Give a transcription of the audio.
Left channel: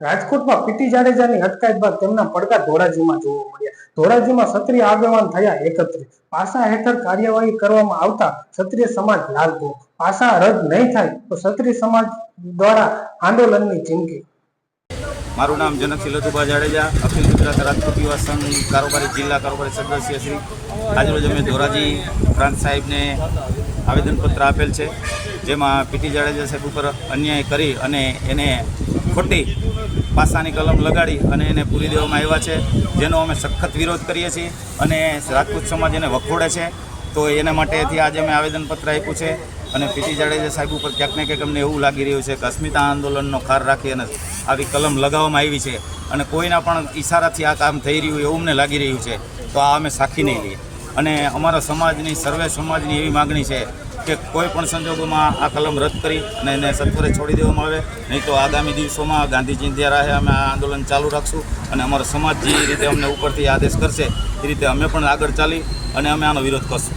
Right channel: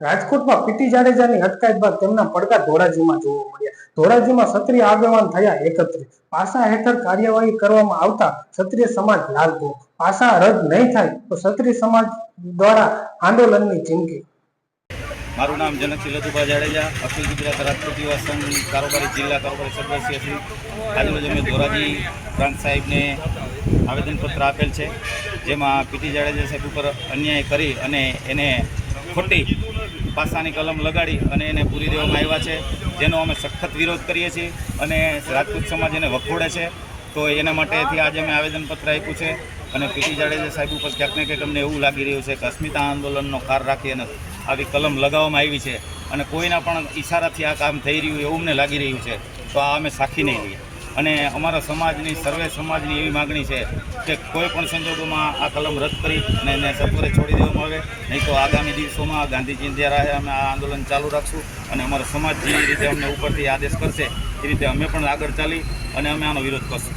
રાજકોટમાં પીટી જાડેજાની અટકાયત બાદ તેમના પડઘા ધોરાજીમાં જોવા મળ્યા। ધોરાજીમાં ક્ષત્રિય આગેવાન થયા એકત્રિત। પાસા હેઠળ કાર્યવાહી કરવામાં આવતા ક્ષત્રિય સમાજ લાલઘોર। પાસા રદ નહીં થાય તો ક્ષત્રિય સમાજ દ્વારા આંદોલનની ચીમકી। મારું નામ જનકસિંહ લધુભા જાડેજા, અખિલ ગુજરાત રાજકોટ યુવા સંઘ કારોબારી જિલ્લા કારોબારી સદસ્ય શ્રી। આજરોજ અમે ધોરાજી પ્રાંત સાહેબને આવેદનપત્ર આપેલ છે, જેમાં પીટી જાડેજા સાહેબ ઉપર અન્યાય કરી અને એને ખોટી પાસાની કલમ લગાડી અને એને પૂરી દેવામાં આવ્યા છે, જેનો અમે સખત વિરોધ કરીએ છીએ અને રાજપૂત સમાજ એને વખોડે છે। તો એના માટેથી આજે અમે આવેદનપત્ર આપ્યું છે અને પીટી જાડેજા સાહેબ ઉપર ક્યાંક ને ક્યાંક અમને એવું લાગી રહ્યું છે કે અસ્મિતા આંદોલનનો ખાર રાખી અને આવી કલમ લગાવવામાં આવી છે અને કોઈના પણ ઈશારાથી આ કામ થઈ રહ્યું એવું અમને લાગી રહ્યું છે। તો આ અમે સાખી નહીં લઈએ અને અમારા સમાજની સર્વે સમાજની એવી માગણી છે કે કોઈ પણ સંજોગોમાં આ કલમ રદ કરી અને એને સત્વરે છોડી દેવામાં આવે, નહીં તો આગામી દિવસોમાં ગાંધીજી ઇન્ડિયા રાહે અમે આ આંદોલન ચાલુ રાખશું અને અમારો સમાજ જે રીતે અમને ઉપરથી આદેશ કરશે એ રીતે અમે પણ આગળ ચાલી અને અમે આનો વિરોધ કરશું।